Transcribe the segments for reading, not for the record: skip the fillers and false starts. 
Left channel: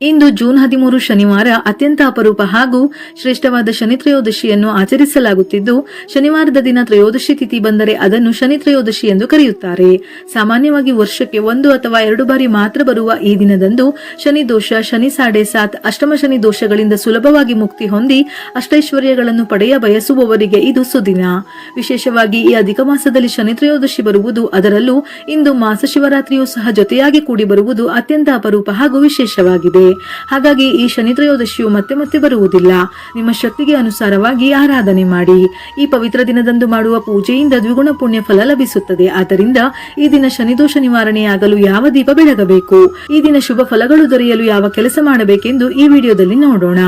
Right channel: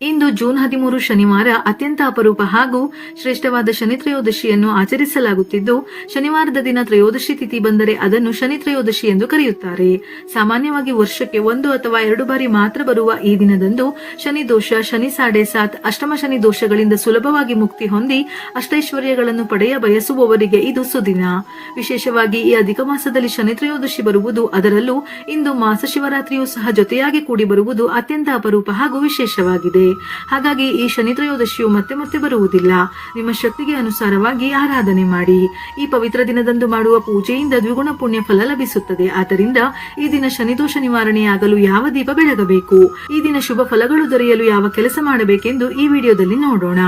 ಇಂದು June 13 ಶನಿವಾರ ಅತ್ಯಂತ ಅಪರೂಪ ಹಾಗೂ ಶ್ರೇಷ್ಠವಾದ ಶನಿ ತ್ರಯೋದಶಿಯನ್ನು ಆಚರಿಸಲಾಗುತ್ತಿದ್ದು, ಶನಿವಾರದ ದಿನ ತ್ರಯೋದಶಿ ತಿಥಿ ಬಂದರೆ ಅದನ್ನು ಶನಿ ತ್ರಯೋದಶಿ ಎಂದು ಕರೆಯುತ್ತಾರೆ. ಸಾಮಾನ್ಯವಾಗಿ ವರ್ಷಕ್ಕೆ 1 ಅಥವಾ 2 ಬಾರಿ ಮಾತ್ರ ಬರುವ ಈ ದಿನದಂದು ಶನಿ ದೋಷ, ಶನಿ ಸಾಡೆ ಸಾತ್, ಅಷ್ಟಮ ಶನಿ ದೋಷಗಳಿಂದ ಸುಲಭವಾಗಿ ಮುಕ್ತಿ ಹೊಂದಿ ಅಷ್ಟೈಶ್ವರ್ಯಗಳನ್ನು ಪಡೆಯ ಬಯಸುವವರಿಗೆ ಇದು ಸುದಿನ. ವಿಶೇಷವಾಗಿ ಈ ಅಧಿಕ ಮಾಸದಲ್ಲಿ ಶನಿ ತ್ರಯೋದಶಿ ಬರುವುದು, ಅದರಲ್ಲೂ ಇಂದು ಮಾಸ ಶಿವರಾತ್ರಿಯೂ ಸಹ ಜೊತೆಯಾಗಿ ಕೂಡಿ ಬರುವುದು ಅತ್ಯಂತ ಅಪರೂಪ ಹಾಗೂ ವಿಶೇಷವಾಗಿದೆ. ಹಾಗಾಗಿ ಈ ಶನಿ ತ್ರಯೋದಶಿಯು ಮತ್ತೆ ಮತ್ತೆ ಬರುವುದಿಲ್ಲ. ನಿಮ್ಮ ಶಕ್ತಿಗೆ ಅನುಸಾರವಾಗಿ ಆರಾಧನೆ ಮಾಡಿ. ಈ ಪವಿತ್ರ ದಿನದಂದು ಮಾಡುವ ಪೂಜೆಯಿಂದ ದ್ವಿಗುಣ ಪುಣ್ಯ ಫಲ ಲಭಿಸುತ್ತದೆ. ಆದ್ದರಿಂದ ಈ ದಿನ ಶನಿದೋಷ ನಿವಾರಣೆಯಾಗಲು ಯಾವ ದೀಪ ಬೆಳಗಬೇಕು, ಈ ದಿನ ಶುಭ ಫಲಗಳು ದೊರೆಯಲು ಯಾವ ಕೆಲಸ ಮಾಡಬೇಕೆಂದು ಈ ವಿಡಿಯೋದಲ್ಲಿ ನೋಡೋಣ.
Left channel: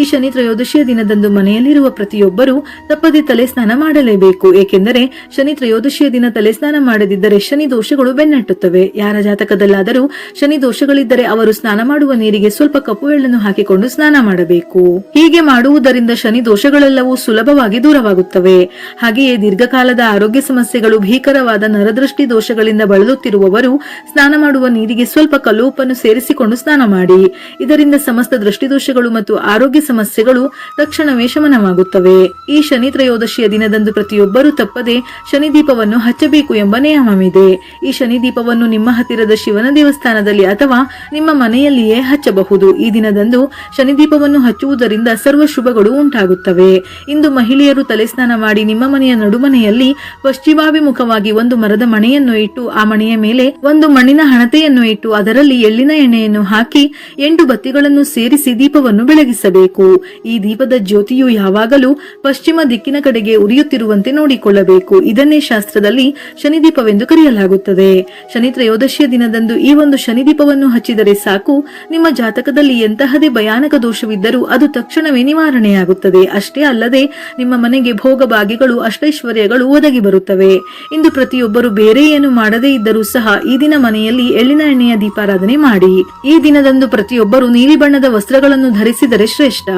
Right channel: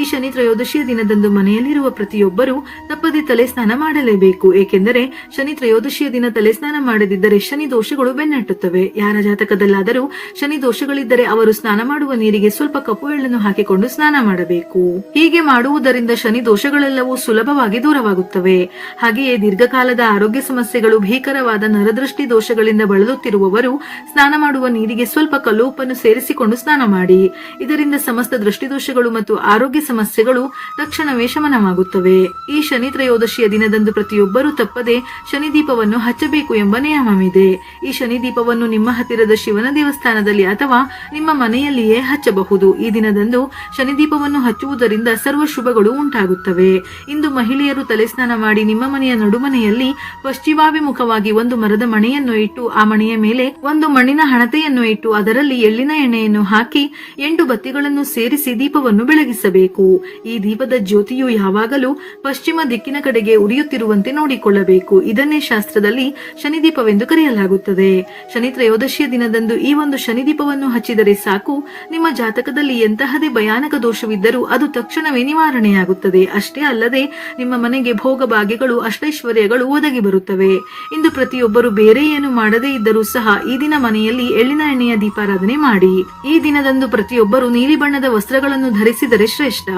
ಈ ಶನಿ ತ್ರಯೋದಶಿಯ ದಿನದಂದು ಮನೆಯಲ್ಲಿರುವ ಪ್ರತಿಯೊಬ್ಬರು ತಪ್ಪದೆ ತಲೆ ಸ್ನಾನ ಮಾಡಲೇಬೇಕು. ಏಕೆಂದರೆ ಶನಿ ತ್ರಯೋದಶಿಯ ದಿನ ತಲೆ ಸ್ನಾನ ಮಾಡದಿದ್ದರೆ ಶನಿ ದೋಷಗಳು ಬೆನ್ನಟ್ಟುತ್ತವೆ. ಯಾರ ಜಾತಕದಲ್ಲಾದರೂ ಶನಿ ದೋಷಗಳಿದ್ದರೆ ಅವರು ಸ್ನಾನ ಮಾಡುವ ನೀರಿಗೆ ಸ್ವಲ್ಪ ಕಪ್ಪು ಎಳ್ಳನ್ನು ಹಾಕಿಕೊಂಡು ಸ್ನಾನ ಮಾಡಬೇಕು. ಹೀಗೆ ಮಾಡುವುದರಿಂದ ಶನಿ ದೋಷಗಳೆಲ್ಲವೂ ಸುಲಭವಾಗಿ ದೂರವಾಗುತ್ತವೆ. ಹಾಗೆಯೇ ದೀರ್ಘಕಾಲದ ಆರೋಗ್ಯ ಸಮಸ್ಯೆಗಳು, ಭೀಕರವಾದ ನರದೃಷ್ಟಿ ದೋಷಗಳಿಂದ ಬಳಲುತ್ತಿರುವವರು ಸ್ನಾನ ಮಾಡುವ ನೀರಿಗೆ ಸ್ವಲ್ಪ ಕಲ್ಲು ಉಪ್ಪನ್ನು ಸೇರಿಸಿಕೊಂಡು ಸ್ನಾನ ಮಾಡಿ. ಇದರಿಂದ ಸಮಸ್ತ ದೃಷ್ಟಿದೋಷಗಳು ಮತ್ತು ಆರೋಗ್ಯ ಸಮಸ್ಯೆಗಳು ತಕ್ಷಣವೇ ಶಮನವಾಗುತ್ತವೆ. ಈ ಶನಿ ತ್ರಯೋದಶಿಯ ದಿನದಂದು ಪ್ರತಿಯೊಬ್ಬರೂ ತಪ್ಪದೆ ಶನಿ ದೀಪವನ್ನು ಹಚ್ಚಬೇಕು ಎಂಬ ನಿಯಮವಿದೆ. ಈ ಶನಿ ದೀಪವನ್ನು ನಿಮ್ಮ ಹತ್ತಿರದ ಶಿವನ ದೇವಸ್ಥಾನದಲ್ಲಿ ಅಥವಾ ನಿಮ್ಮ ಮನೆಯಲ್ಲಿಯೇ ಹಚ್ಚಬಹುದು. ಈ ದಿನದಂದು ಶನಿ ದೀಪವನ್ನು ಹಚ್ಚುವುದರಿಂದ ಸರ್ವ ಶುಭಗಳು ಉಂಟಾಗುತ್ತವೆ. ಇಂದು ಮಹಿಳೆಯರು ತಲೆ ಸ್ನಾನ ಮಾಡಿ ನಿಮ್ಮ ಮನೆಯ ನಡುಮನೆಯಲ್ಲಿ ಪಶ್ಚಿಮಾಭಿಮುಖವಾಗಿ ಒಂದು ಮರದ ಮಣೆಯನ್ನು ಇಟ್ಟು, ಆ ಮಣೆಯ ಮೇಲೆ ಒಂದು ಮಣ್ಣಿನ ಹಣತೆಯನ್ನು ಇಟ್ಟು ಅದರಲ್ಲಿ ಎಳ್ಳಿನ ಎಣ್ಣೆಯನ್ನು ಹಾಕಿ 8 ಬತ್ತಿಗಳನ್ನು ಸೇರಿಸಿ ದೀಪವನ್ನು ಬೆಳಗಿಸಬೇಕು. ಈ ದೀಪದ ಜ್ಯೋತಿಯು ಯಾವಾಗಲೂ ಪಶ್ಚಿಮ ದಿಕ್ಕಿನ ಕಡೆಗೆ ಉರಿಯುತ್ತಿರುವಂತೆ ನೋಡಿಕೊಳ್ಳಬೇಕು. ಇದನ್ನೇ ಶಾಸ್ತ್ರದಲ್ಲಿ ಶನಿದೀಪವೆಂದು ಕರೆಯಲಾಗುತ್ತದೆ. ಶನಿ ತ್ರಯೋದಶಿಯ ದಿನದಂದು ಈ ಒಂದು ಶನಿ ದೀಪವನ್ನು ಹಚ್ಚಿದರೆ ಸಾಕು, ನಿಮ್ಮ ಜಾತಕದಲ್ಲಿ ಎಂತಹದೇ ಭಯಾನಕ ದೋಷವಿದ್ದರೂ ಅದು ತಕ್ಷಣವೇ ನಿವಾರಣೆಯಾಗುತ್ತದೆ. ಅಷ್ಟೇ ಅಲ್ಲದೆ ನಿಮ್ಮ ಮನೆಗೆ ಭೋಗ ಭಾಗ್ಯಗಳು, ಅಷ್ಟೈಶ್ವರ್ಯಗಳು ಒದಗಿ ಬರುತ್ತವೆ. ಇಂದು ಪ್ರತಿಯೊಬ್ಬರು ಬೇರೆ ಏನು ಮಾಡದೇ ಇದ್ದರೂ ಸಹ ಈ ದಿನ ಮನೆಯಲ್ಲಿ ಎಳ್ಳಿನ ಎಣ್ಣೆಯ ದೀಪಾರಾಧನೆ ಮಾಡಿ. ಈ ದಿನದಂದು ಪ್ರತಿಯೊಬ್ಬರು ನೀಲಿ ಬಣ್ಣದ ವಸ್ತ್ರಗಳನ್ನು ಧರಿಸಿದರೆ ಶ್ರೇಷ್ಠ.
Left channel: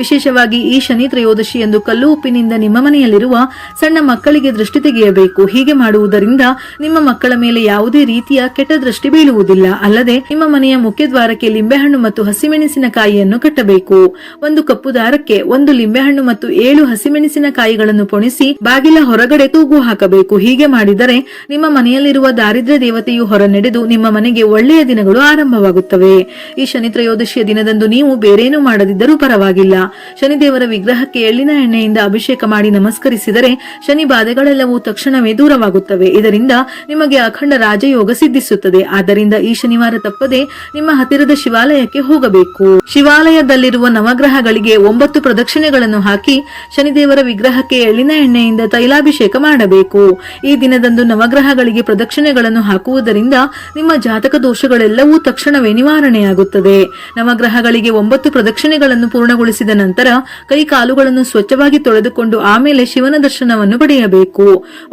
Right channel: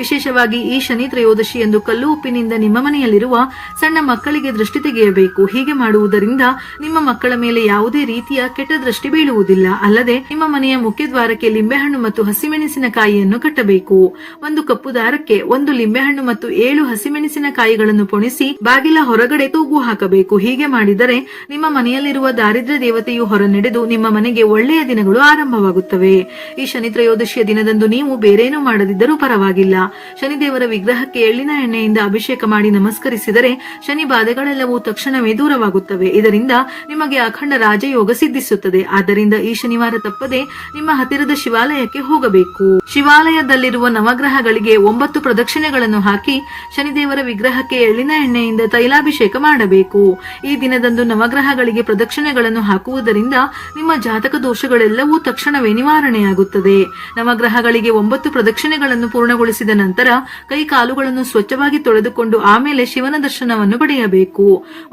ವಿಶೇಷವಾಗಿ ಈ ಶನಿ ತ್ರಯೋದಶಿ ಎಂದು ಕಲ್ಲು ಉಪ್ಪಿನಿಂದ ನಿಮ್ಮ ಮನೆಯಲ್ಲಿರುವ ಸಣ್ಣ ಮಕ್ಕಳಿಗೆ ದೃಷ್ಟಿ ತೆಗೆಯಬೇಕು. ಹೀಗೆ ಮಾಡುವುದರಿಂದ ನಿಮ್ಮ ಮಕ್ಕಳ ಮೇಲೆ ಯಾವುದೇ ರೀತಿಯ ಕೆಟ್ಟ ದೃಷ್ಟಿ ಬೀಳುವುದಿಲ್ಲ. ಅಲ್ಲದೆ ನಿಮ್ಮ ಮನೆಯ ಮುಖ್ಯ ದ್ವಾರಕ್ಕೆ ಲಿಂಬೆಹಣ್ಣು ಮತ್ತು ಹಸಿಮೆಣಸಿನಕಾಯಿಯನ್ನು ಕಟ್ಟಬೇಕು. ಒಂದು ಕಪ್ಪು ದಾರಕ್ಕೆ 1 ಲಿಂಬೆಹಣ್ಣು ಮತ್ತು 7 ಹಸಿಮೆಣಸಿನಕಾಯಿಗಳನ್ನು ಪೊಣಿಸಿ ಬಾಗಿಲ ಹೊರಗಡೆ ತೂಗು ಹಾಕಬೇಕು. ಹೀಗೆ ಮಾಡಿದರೆ ನಿಮ್ಮ ಮನೆಯಲ್ಲಿರುವ ದಾರಿದ್ರ್ಯ ದೇವತೆಯು ಹೊರ ನಡೆದು ನಿಮ್ಮ ಮನೆಗೆ ಒಳ್ಳೆಯ ದಿನಗಳು ಆರಂಭವಾಗುತ್ತವೆ. ಈ ಶನಿ ತ್ರಯೋದಶಿಯ ದಿನದಂದು ನೀವು ಬೇರೇನೂ ಮಾಡದಿದ್ದರೂ ಪರವಾಗಿಲ್ಲ, ಶನಿದೇವರ ವಿಗ್ರಹಕ್ಕೆ ಎಳ್ಳಿನ ಎಣ್ಣೆಯಿಂದ ಅಭಿಷೇಕ ಮಾಡಿ ನಮಸ್ಕರಿಸಿದರೆ ಶನಿ ಬಾಧೆಗಳೆಲ್ಲವೂ ತಕ್ಷಣವೇ ದೂರವಾಗುತ್ತವೆ. ಇದರಿಂದ ನಿಮಗೆ ಅಖಂಡ ರಾಜಯೋಗ ಸಿದ್ಧಿಸುತ್ತದೆ. ಆದ್ದರಿಂದ ಈ ಶನಿವಾರ ತಪ್ಪದೆ ನಿಮ್ಮ ಹತ್ತಿರದ ಶಿವಾಲಯಕ್ಕೆ ಹೋಗಬೇಕು. ಶಿವಾಲಯದಲ್ಲಿರುವ ನವಗ್ರಹಗಳಿಗೆ 9 ಪ್ರದಕ್ಷಿಣೆಗಳನ್ನು ಹಾಕಿ ಶನಿದೇವರ ವಿಗ್ರಹಕ್ಕೆ ಎಳ್ಳಿನ ಎಣ್ಣೆಯಿಂದ ತೈಲಾಭಿಷೇಕ ಮಾಡಬೇಕು. ಈ ದಿನದಂದು ನವಗ್ರಹಗಳಿಗೆ ಪ್ರದಕ್ಷಿಣೆಗಳನ್ನು ಹಾಕುವುದರಿಂದ ನಿಮ್ಮ ಜಾತಕ ದೋಷಗಳೆಲ್ಲವೂ ತಕ್ಷಣವೇ ನಿವಾರಣೆಯಾಗುತ್ತದೆ. ನವಗ್ರಹಗಳಿಗೆ 9 ಪ್ರದಕ್ಷಿಣೆಗಳನ್ನು ಪೂರ್ಣಗೊಳಿಸಿದ ನಂತರ ಕೈ ಕಾಲುಗಳನ್ನು ಸ್ವಚ್ಛವಾಗಿ ತೊಳೆದುಕೊಂಡು ಆಮೇಲೆ ಶಿವನ ದರ್ಶನವನ್ನು ಪಡೆಯಬೇಕು.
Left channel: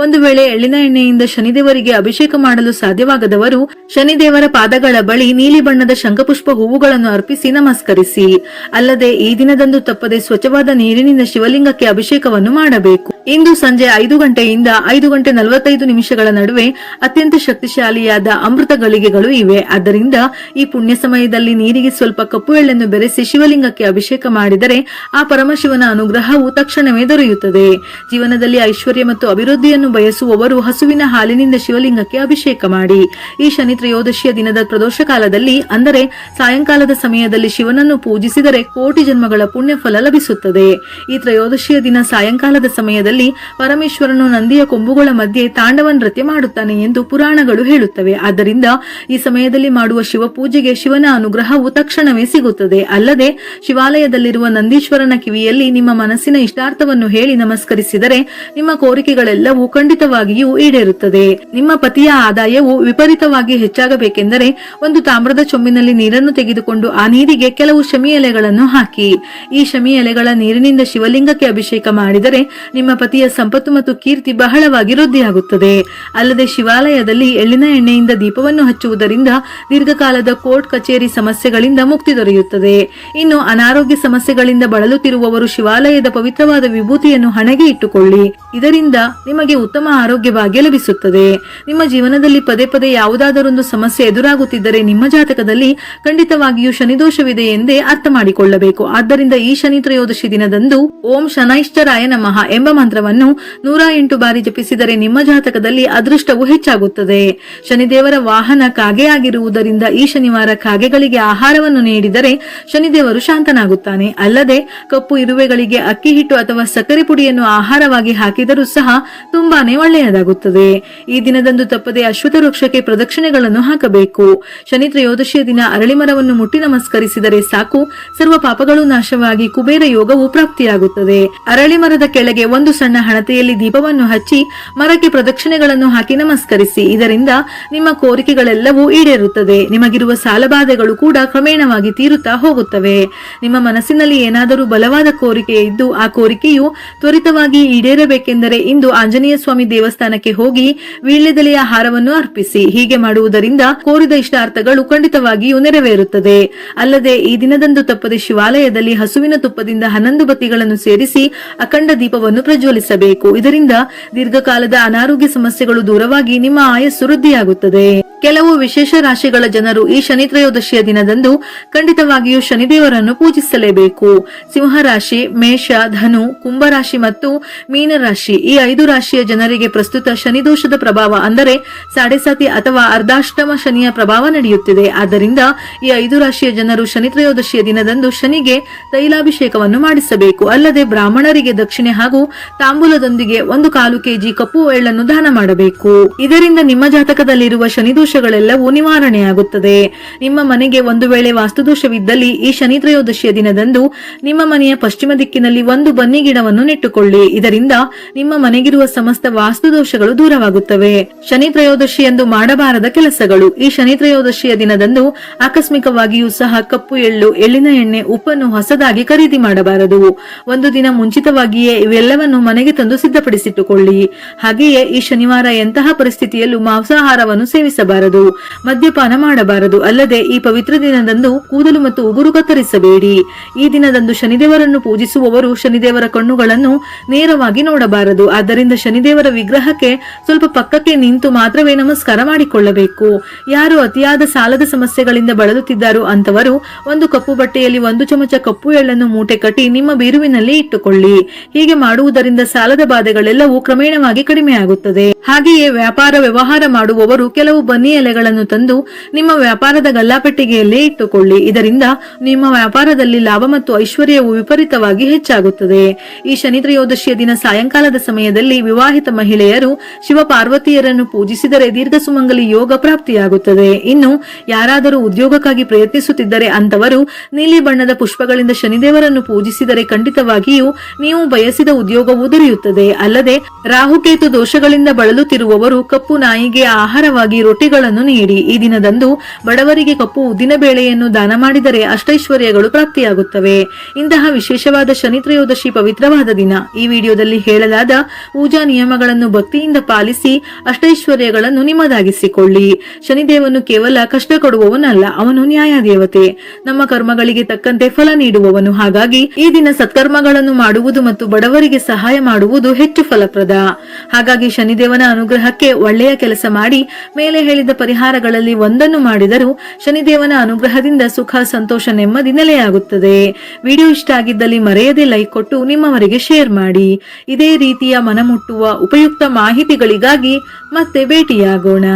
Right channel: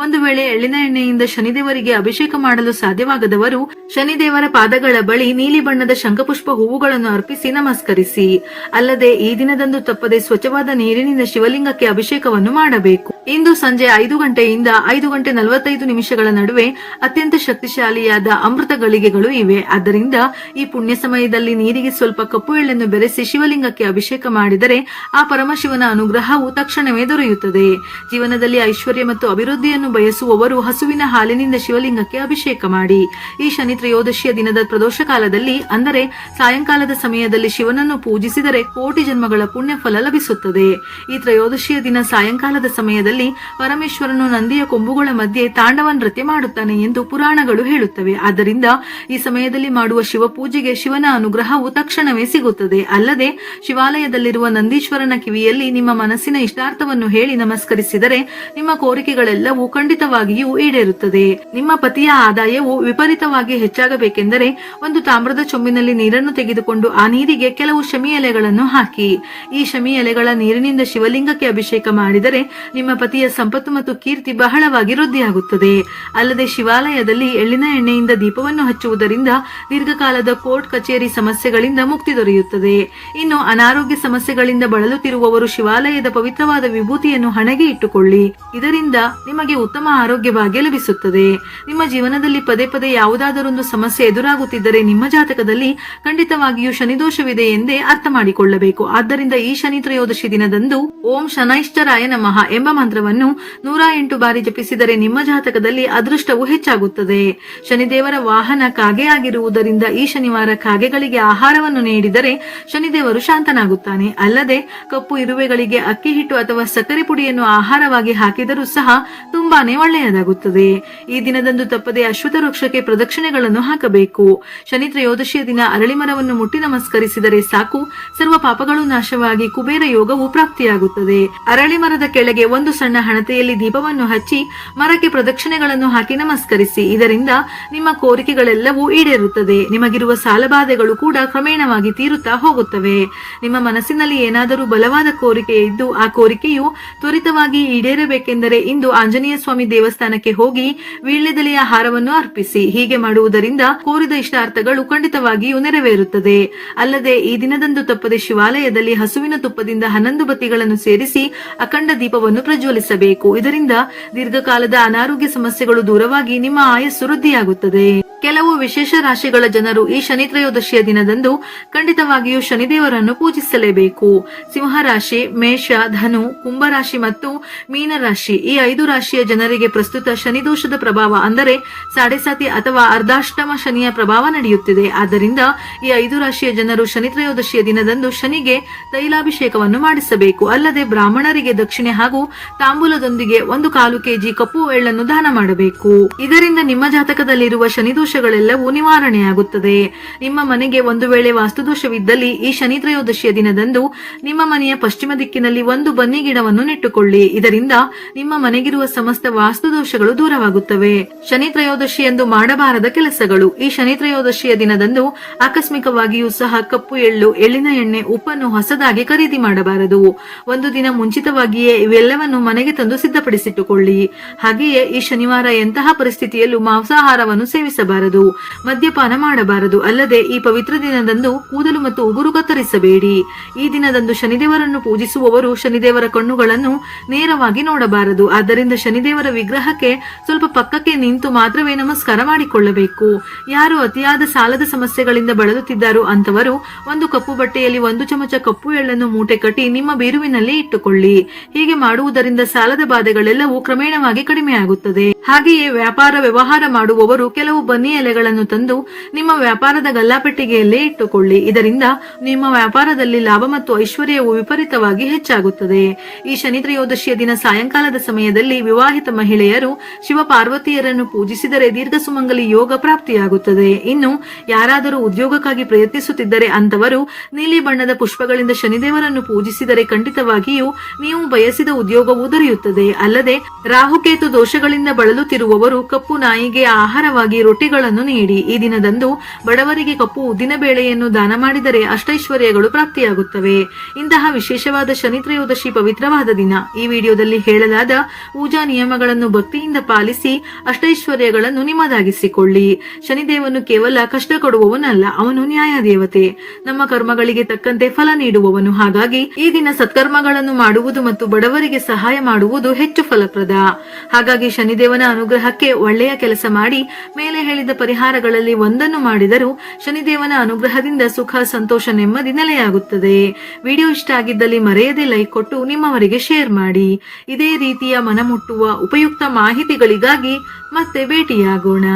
ಒಂದು ವೇಳೆ ಎಳ್ಳಿನ ಎಣ್ಣೆಯಿಂದ ಶನಿದೇವರಿಗೆ ಅಭಿಷೇಕ ಮಾಡಲು ಸಾಧ್ಯವಾಗದವರು ಶನಿದೇವರ ಪಾದಗಳ ಬಳಿ ನೀಲಿ ಬಣ್ಣದ ಶಂಖಪುಷ್ಪ ಹೂವುಗಳನ್ನು ಅರ್ಪಿಸಿ ನಮಸ್ಕರಿಸಿ. ಅಲ್ಲದೆ ಈ ದಿನದಂದು ತಪ್ಪದೆ ಸ್ವಚ್ಛವಾದ ನೀರಿನಿಂದ ಶಿವಲಿಂಗಕ್ಕೆ ಅಭಿಷೇಕವನ್ನು ಮಾಡಬೇಕು. ಇಂದು ಸಂಜೆ 5 ಗಂಟೆಯಿಂದ 5 ಗಂಟೆ 45 ನಿಮಿಷಗಳ ನಡುವೆ ಅತ್ಯಂತ ಶಕ್ತಿಶಾಲಿಯಾದ ಅಮೃತ ಗಳಿಗೆಗಳು ಇವೆ. ಆದ್ದರಿಂದ ಈ ಪುಣ್ಯ ಸಮಯದಲ್ಲಿ ನೀರಿಗೆ ಸ್ವಲ್ಪ ಕಪ್ಪು ಎಳ್ಳನ್ನು ಬೆರೆಸಿ ಶಿವಲಿಂಗಕ್ಕೆ ಅಭಿಷೇಕ ಮಾಡಿದರೆ ಆ ಪರಮಶಿವನ ಅನುಗ್ರಹವು ತಕ್ಷಣವೇ ದೊರೆಯುತ್ತದೆ. ಜೀವನದಲ್ಲಿ ಐಶ್ವರ್ಯ ಮತ್ತು ಅಭಿವೃದ್ಧಿಯನ್ನು ಬಯಸುವವರು ಹಸುವಿನ ಹಾಲಿನಿಂದ ಶಿವಲಿಂಗಕ್ಕೆ ಅಭಿಷೇಕ ಮಾಡಿ. ಈ ಶನಿ ತ್ರಯೋದಶಿಯ ದಿನದ ಪ್ರದೋಷ ಕಾಲದಲ್ಲಿ, ಅಂದರೆ ಸಾಯಂಕಾಲದ ಸಮಯದಲ್ಲಿ ಶಿವನನ್ನು ಪೂಜಿಸಿದರೆ ಕೋಟಿ ಜನ್ಮಗಳ ಪುಣ್ಯ ಫಲ ಲಭಿಸುತ್ತದೆ. ಈ ತ್ರಯೋದಶಿಯ ದಿನ ಸಾಯಂಕಾಲದ ಸಮಯದಲ್ಲಿ ಪರಮೇಶ್ವರನು ನಂದಿಯ ಕೊಂಬುಗಳ ಮಧ್ಯೆ ತಾಂಡವ ನೃತ್ಯ ಮಾಡುತ್ತಾನೆ ಎಂದು ಪುರಾಣಗಳು ಹೇಳುತ್ತವೆ. ಆದ್ದರಿಂದ ಈ ಸಮಯದಲ್ಲಿ ಮಾಡುವ ಶಿವ ಪೂಜೆಗೆ ಶಿವನ ಅನುಗ್ರಹವು ತಕ್ಷಣವೇ ಸಿಗುತ್ತದೆ. ಅಲ್ಲದೆ ಶಿವಾಲಯದಲ್ಲಿರುವ ನಂದೀಶ್ವರನ ಕಿವಿಯಲ್ಲಿ ನಿಮ್ಮ ಮನಸ್ಸಿನ ಇಷ್ಟಾರ್ಥವನ್ನು ಹೇಳಿ ನಮಸ್ಕರಿಸಿದರೆ ನಿಮ್ಮ ಕೋರಿಕೆಗಳೆಲ್ಲವೂ ಖಂಡಿತವಾಗಿಯೂ ಈಡೇರುತ್ತದೆ. ನಿಮ್ಮ ಪತಿಯ ಆದಾಯವು ವಿಪರೀತವಾಗಿ ಹೆಚ್ಚಾಗಬೇಕೆಂದರೆ ಒಂದು ತಾಮ್ರದ ಚೊಂಬಿನಲ್ಲಿ ನೀರನ್ನು ತೆಗೆದುಕೊಂಡು ಆ ನೀರಿಗೆ ಕೆಲವು ಶಮಿ ಎಲೆಗಳನ್ನು ಹಾಕಿ. ಈ ಶಮಿ ಎಲೆಗಳ ನೀರಿನಿಂದ ಶಿವಲಿಂಗಕ್ಕೆ ಅಭಿಷೇಕ ಮಾಡಿದರೆ ನಿಮ್ಮ ಪತಿಯ ಸಂಪತ್ತು ಮತ್ತು ಕೀರ್ತಿ ಬಹಳವಾಗಿ ವೃದ್ಧಿಯಾಗುತ್ತದೆ. ಅಲ್ಲದೆ ಶಿವಾಲಯದಲ್ಲಿ ಎಳ್ಳಿನ ಎಣ್ಣೆಯಿಂದ ದೀಪವನ್ನು ಹಚ್ಚುವುದರಿಂದ ದೀರ್ಘಕಾಲದ ಕೋರ್ಟ್ ಕಚೇರಿ ಸಮಸ್ಯೆಗಳಿಂದ ಮುಕ್ತಿ ದೊರೆಯುತ್ತದೆ. ಇನ್ನು ಅನಾರೋಗ್ಯ ಸಮಸ್ಯೆಗಳಿಂದ ಬಳಲುತ್ತಿರುವವರು ಶಿವಾಲಯದ ಪವಿತ್ರವಾದ ವಿಭೂತಿಯನ್ನು ಹಣೆಗೆ ಇಟ್ಟುಕೊಳ್ಳಿ. ಇದರಿಂದ ನಿಮಗೆ ಉತ್ತಮ ಆರೋಗ್ಯ ಭಾಗ್ಯ ಲಭಿಸುತ್ತದೆ. ನಿಮ್ಮ ಜೀವನದಲ್ಲಿ ಪದೇ ಪದೇ ಯಾವುದಾದರೊಂದು ಸಮಸ್ಯೆ ಎದುರಾಗುತ್ತಿದ್ದರೆ ನಿಮ್ಮ ಜಾತಕದಲ್ಲಿ ಖಂಡಿತವಾಗಿ ಖಂಡಿತವಾಗಿಯೂ ಶನಿದೋಷವಿದೆ ಎಂದೇ ಅರ್ಥ ಮಾಡಿಕೊಳ್ಳಬೇಕು. ಆದ್ದರಿಂದ ಈ ಶನಿ ತ್ರಯೋದಶಿ ದಿನದಂದು ಓಂ ಶನೈಶ್ಚರಾಯ ನಮಃ ಎಂಬ ಮಂತ್ರವನ್ನು 108 ಬಾರಿ ಜಪಿಸಿದರೆ ನಿಮ್ಮ ಜಾತಕದಲ್ಲಿ ಅದೃಷ್ಟವು ಹೆಚ್ಚಾಗುತ್ತದೆ. ಶನಿದೇವರ ವಾಹನ ಕಾಗೆ ಆಗಿರುವುದರಿಂದ ಈ ಶನಿವಾರ ಕಾಗೆಗಳಿಗೆ ಆಹಾರವನ್ನು ನೀಡಿದರೆ ಶನಿದೇವರು ಶಾಂತನಾಗುತ್ತಾನೆ. ಅಲ್ಲದೆ ಕಪ್ಪು ಇರುವೆಗಳಿಗೆ ಅಕ್ಕಿ ಹಿಟ್ಟು ಅಥವಾ ಸಕ್ಕರೆ ಪುಡಿಯನ್ನು ಆಹಾರವಾಗಿ ಹಾಕಿದರೂ ಸಹ ತುಂಬಾನೇ ಒಳ್ಳೆಯದಾಗುತ್ತದೆ. ಈ ದಿನದಂದು ತಪ್ಪದೆ ಅಶ್ವತ್ಥ ವೃಕ್ಷಕ್ಕೆ ಪ್ರದಕ್ಷಿಣೆಗಳನ್ನು ಹಾಕಬೇಕು. ಶನಿ ತ್ರಯೋದಶಿಯ ದಿನ ಅರಳಿ ಮರವನ್ನು ಮುಟ್ಟಿ ನಮಸ್ಕರಿಸಿದರೆ ಸಾಕು, ಸರ್ವ ಪಾಪಗಳು ನಾಶವಾಗಿ ಕುಬೇರ ಯೋಗವು ಪ್ರಾಪ್ತಿಯಾಗುತ್ತದೆ. ಅರಳಿ ಮರದ ಕೆಳಗೆ ಒಂದು ಸಣ್ಣ ಹಣತೆಯಲ್ಲಿ ದೀಪವನ್ನು ಹಚ್ಚಿ ಮರಕ್ಕೆ ಪ್ರದಕ್ಷಿಣೆಗಳನ್ನು ಹಾಕಿ ನಮಸ್ಕರಿಸಿ. ಇದರಿಂದ ನಿಮ್ಮ ಕೋರಿಕೆಗಳೆಲ್ಲವೂ ಈಡೇರುತ್ತದೆ. ನಿಮಗಿರುವ ಸಾಲಬಾಧೆಗಳು ಕೂಡ ಕ್ರಮೇಣವಾಗಿ ತೀರುತ್ತಾ ಹೋಗುತ್ತವೆ. ನಿಮ್ಮ ಮನಸ್ಸಿನಲ್ಲಿ ಏನಾದರೂ ಬಲವಾದ ಕೋರಿಕೆ ಇದ್ದು ಆ ಕೋರಿಕೆಯು ತ್ವರಿತವಾಗಿ ಈಡೇರಬೇಕೆಂದರೆ ಇಂದು ಆಂಜನೇಯ ಸ್ವಾಮಿ ದೇವಸ್ಥಾನಕ್ಕೆ ಹೋಗಿ ವೀಳ್ಯದೆಲೆಯ ಹಾರವನ್ನು ಅರ್ಪಿಸಿ. ಹೀಗೆ ಮಾಡುವುದರಿಂದ ಕೋರಿದ ಇಷ್ಟಾರ್ಥಗಳು ಖಂಡಿತವಾಗಿಯೂ ನೆರವೇರುತ್ತದೆ. ಅಲ್ಲದೆ ಈ ದಿನದಂದು ತಪ್ಪದೆ ಶಿವಾಲಯದಲ್ಲಿ ಹಸುವಿನ ತುಪ್ಪದಿಂದ 11 ಬತ್ತಿಗಳನ್ನು ಸೇರಿಸಿ ಅಖಂಡ ದೀಪವನ್ನು ಪ್ರಜ್ವಲಿಸಬೇಕು. ಇದರಿಂದ ದೀರ್ಘಕಾಲದ ಅನಾರೋಗ್ಯ ಸಮಸ್ಯೆಗಳು ದೂರವಾಗಿ ನಿಮ್ಮ ಆಯಸ್ಸು ವೃದ್ಧಿಯಾಗುತ್ತದೆ. ಕೆಲವು ವಿಶೇಷ ರಾಶಿಗಳ ಜನರು ಈ ಶನಿ ತ್ರಯೋದಶಿಯ ದಿನದಂದು ಖಂಡಿತವಾಗಿಯೂ ಶನಿದೇವರನ್ನು ಪೂಜಿಸಲೇಬೇಕು. ಸಿಂಹರಾಶಿ, ಮೇಷ, ಧನು, ಕುಂಭರಾಶಿ ಮತ್ತು ಮೀನರಾಶಿ ಈ 5 ರಾಶಿಯ ಜನರಿಗೆ ಪ್ರಸ್ತುತ ಶನಿದೋಷದ ಪ್ರಭಾವ ಅಂದರೆ ಸಾಡೆಸಾತಿ ಅಥವಾ ಅರ್ಧಾಷ್ಟಮ ಶನಿಯ ಪ್ರಭಾವ ನಡೆಯುತ್ತಿದೆ. ಆದ್ದರಿಂದ ಈ 5 ರಾಶಿಯ ಜನರು ಶನಿ ತ್ರಯೋದಶಿಯ ದಿನದಂದು ಶನಿಗೆ ತೈಲಾಭಿಷೇಕವನ್ನು ಮಾಡಿಸಬೇಕು. ಅಲ್ಲದೆ ಬ್ರಾಹ್ಮಣರಿಗೆ ದಕ್ಷಿಣೆ ಹಾಗೂ ತಾಂಬೂಲದೊಂದಿಗೆ 1/4 ಕೆಜಿ ಕಪ್ಪು ಎಳ್ಳನ್ನು ದಾನ ಮಾಡಬೇಕು. ಇದರಿಂದ ನಿಮ್ಮ ಜಾತಕದಲ್ಲಿರುವ ಶನಿದೋಷಗಳೆಲ್ಲವೂ ನಿವಾರಣೆಯಾಗುತ್ತದೆ. ನಿಮ್ಮ ಮನೆಗೆ ಒಂದು ವೇಳೆ ವಾಸ್ತುದೋಷವಿದ್ದಲ್ಲಿ ಈ ಶನಿ ತ್ರಯೋದಶಿಯ ದಿನದಂದು ನಿಮ್ಮ ಮನೆಯ ಪಶ್ಚಿಮ ದಿಕ್ಕಿನಲ್ಲಿ ಒಂದು ಬನ್ನಿ ಗಿಡವನ್ನು ನೆಟ್ಟುಕೊಳ್ಳಿ. ಇದರಿಂದ ನಿಮ್ಮ ಮನೆಗಿರುವ ಸಮಸ್ತ ವಾಸ್ತುದೋಷಗಳು ದೂರವಾಗುತ್ತವೆ. ಶನಿ ತ್ರಯೋದಶಿ ಎಂದು ಮಾಡಬಾರದ ಕೆಲಸಗಳು. ಈ ಶನಿ ತ್ರಯೋದಶಿಯ ದಿನದಂದು ಆಕಸ್ಮಿಕವಾಗಿಯೂ ಸಹ ಕಪ್ಪು ಎಳ್ಳು, ಎಳ್ಳಿನ ಎಣ್ಣೆ, ಉಪ್ಪನ್ನು ಹೊಸದಾಗಿ ಖರೀದಿ ಮಾಡಬಾರದು. ಒಂದು ದಿನ ಮುಂಚಿತವಾಗಿಯೇ ಇವೆಲ್ಲವನ್ನು ಮನೆಗೆ ತಂದು ಸಿದ್ಧಪಡಿಸಿಟ್ಟುಕೊಳ್ಳಿ. ಹಾಗೆಯೇ ಈ ಶನಿವಾರ ಎಂತಹ ಪರಿಸ್ಥಿತಿಯಲ್ಲೂ ಮಾಂಸಾಹಾರವನ್ನು ಸೇವಿಸಬಾರದು, ಮದ್ಯಪಾನ ಮಾಡಬಾರದು. ಅಲ್ಲದೆ ಈ ಪವಿತ್ರ ದಿನದಂದು ಕೂದಲು ಮತ್ತು ಉಗುರು ಕತ್ತರಿಸಬೇಡಿ. ಈ ದಿನದಂದು ಶನಿದೇವರನ್ನು ಪೂಜಿಸುವವರು ಶನಿದೇವರ ಕಣ್ಣುಗಳನ್ನು ನೇರವಾಗಿ ನೋಡಬಾರದು. ಆದ್ದರಿಂದ ಶನಿದೇವರ ವಿಗ್ರಹಕ್ಕೆ ಸ್ವಲ್ಪ ಪಕ್ಕಕ್ಕೆ ನಿಂತು ಮಾತ್ರವೇ ನಮಸ್ಕಾರ ಮಾಡಿಕೊಳ್ಳಬೇಕು. ಯಾರು ಅತಿಯಾದ ಸಾಲದ ಸಮಸ್ಯೆಗಳಿಂದ ಬಳಲುತ್ತಿದ್ದಾರೋ ಅಂತವರು ಒಂದು ಕಪ್ಪು ಬಟ್ಟೆಯಲ್ಲಿ 1 ಚಮಚ ಕಪ್ಪು ಎಳ್ಳನ್ನು ಮೂಟೆ ಕಟ್ಟಿ ನಿಮ್ಮ ಬೀರುವಿನಲ್ಲಿ ಇಟ್ಟುಕೊಳ್ಳಿ. ಹೀಗೆ ಮಾಡುವುದರಿಂದ ಸಾಲದ ಬಾಧೆಗಳೆಲ್ಲವೂ ಕ್ರಮೇಣವಾಗಿ ಕಡಿಮೆಯಾಗುತ್ತದೆ. ಹಾಗೆಯೇ ವ್ಯಾಪಾರ ವ್ಯವಹಾರ ಮಾಡುವವರು ಕೆಲವು ಬನ್ನಿ ಎಲೆಗಳನ್ನು ತಂದು ನಿಮ್ಮ ವ್ಯಾಪಾರದ ಗಲ್ಲಾಪೆಟ್ಟಿಗೆಯಲ್ಲೇ ಇಟ್ಟುಕೊಳ್ಳಿ. ಇದರಿಂದ ನಿಮ್ಮ ವ್ಯಾಪಾರದಲ್ಲಿ ಲಾಭ ಮತ್ತು ಐಶ್ವರ್ಯವು ವಿಪರೀತವಾಗಿ ಹೆಚ್ಚಾಗುತ್ತದೆ. ಈ ಶನಿ ತ್ರಯೋದಶಿಯ ದಿನ ಸಾಯಂಕಾಲದ ಸಮಯದಲ್ಲಿ ವಿವಾಹಿತ ಮಹಿಳೆಯರು ಶಿವ ಪಾರ್ವತಿಯರನ್ನು ಪೂಜಿಸಿದರೆ ದೀರ್ಘ ಸುಮಂಗಲಿ ಯೋಗ ಪ್ರಾಪ್ತಿಯಾಗುತ್ತದೆ. ಇನ್ನು ಯಾರಾದರೂ ಉದ್ಯೋಗಕ್ಕಾಗಿ ಪ್ರಯತ್ನಿಸುತ್ತಿದ್ದರೆ ಅಂತವರು ನೀಲಿ ಬಣ್ಣದ ಪುಷ್ಪಗಳಿಂದ ಶನಿದೇವರನ್ನು ಪೂಜಿಸಿದರೆ ಖಂಡಿತವಾಗಿಯೂ ನೀವು ಬಯಸಿದ ಉದ್ಯೋಗವು ದೊರೆಯುತ್ತದೆ. ಅಲ್ಲದೆ ರಾಹುಕೇತು ದೋಷಗಳಿಂದ ಬಳಲುತ್ತಿರುವವರು ಕಪ್ಪು ನಾಯಿಗೆ ಆಹಾರವಾಗಿ ರೊಟ್ಟಿಗಳನ್ನು ನೀಡಿ. ಈ ದಿನದಂದು ಬಡವರಿಗೆ ಕಪ್ಪು ಉದ್ದಿನ ಬೇಳೆಯನ್ನು ದಾನ ಮಾಡಿದರೆ ಅಷ್ಟೈಶ್ವರ್ಯಗಳು ಪ್ರಾಪ್ತಿಯಾಗುತ್ತವೆ. ಇಂತಹ ವಿಶೇಷವಾದ ಶನಿ ತ್ರಯೋದಶಿ ಪವಿತ್ರವಾದ ದಿನ. ಈ ವಿಡಿಯೋದಲ್ಲಿ ಹೇಳಲಾದ ಪೂಜಾ ನಿಯಮಗಳನ್ನು ಭಕ್ತಿಯಿಂದ ಪಾಲಿಸಿ ಅಷ್ಟೈಶ್ವರ್ಯಗಳನ್ನು ನಿಮ್ಮದಾಗಿಸಿಕೊಳ್ಳಿ. ಶನಿದೇವನು ಕೇವಲ ಕಷ್ಟ ಕೊಡುವವನಲ್ಲ, ಅವನು ನ್ಯಾಯ ದೇವತೆ, ನಮ್ಮ ಕರ್ಮಗಳಿಗೆ ತಕ್ಕಂತೆ ಫಲ ನೀಡುವವನು. ಹಾಗಾಗಿ ಈ ದಿನ ಸತ್ಕರ್ಮಗಳನ್ನು ಮಾಡುವುದು ಮತ್ತು ಬಡವರಿಗೆ ಸಹಾಯ ಮಾಡುವುದು ಹೆಚ್ಚು ಫಲಪ್ರದ. ಹಾಗಾಗಿ ಶನಿದೇವನ ಅನುಗ್ರಹಕ್ಕೆ ಒಳ್ಳೆಯ ಕೆಲಸ ಮಾಡಿ ಮೇಲೆ ಹೇಳಿದ ಪರಿಹಾರಗಳಲ್ಲಿ ಒಂದನ್ನು ಮಾಡಿದರೂ ಶನಿದೇವನ ಅನುಗ್ರಹದಿಂದ ಸುಖ, ಸಂತೋಷ, ನೆಮ್ಮದಿ ನೆಲೆಯಾಗುತ್ತದೆ. ವಿಡಿಯೋ ಇಷ್ಟ ಆಗಿದ್ದಲ್ಲಿ ಮರೆಯದೆ ಲೈಕ್ ಕೊಟ್ಟು ನಿಮ್ಮವರಿಗೆ ಶೇರ್ ಮಾಡಿ. ಇದೇ ರೀತಿಯ ಮನಮುಟ್ಟುವ ಉಪಯುಕ್ತ ಮಾಹಿತಿಗಳಿಗಾಗಿ ಮತ್ತೆ ಭೇಟಿಯಾಗೋಣ.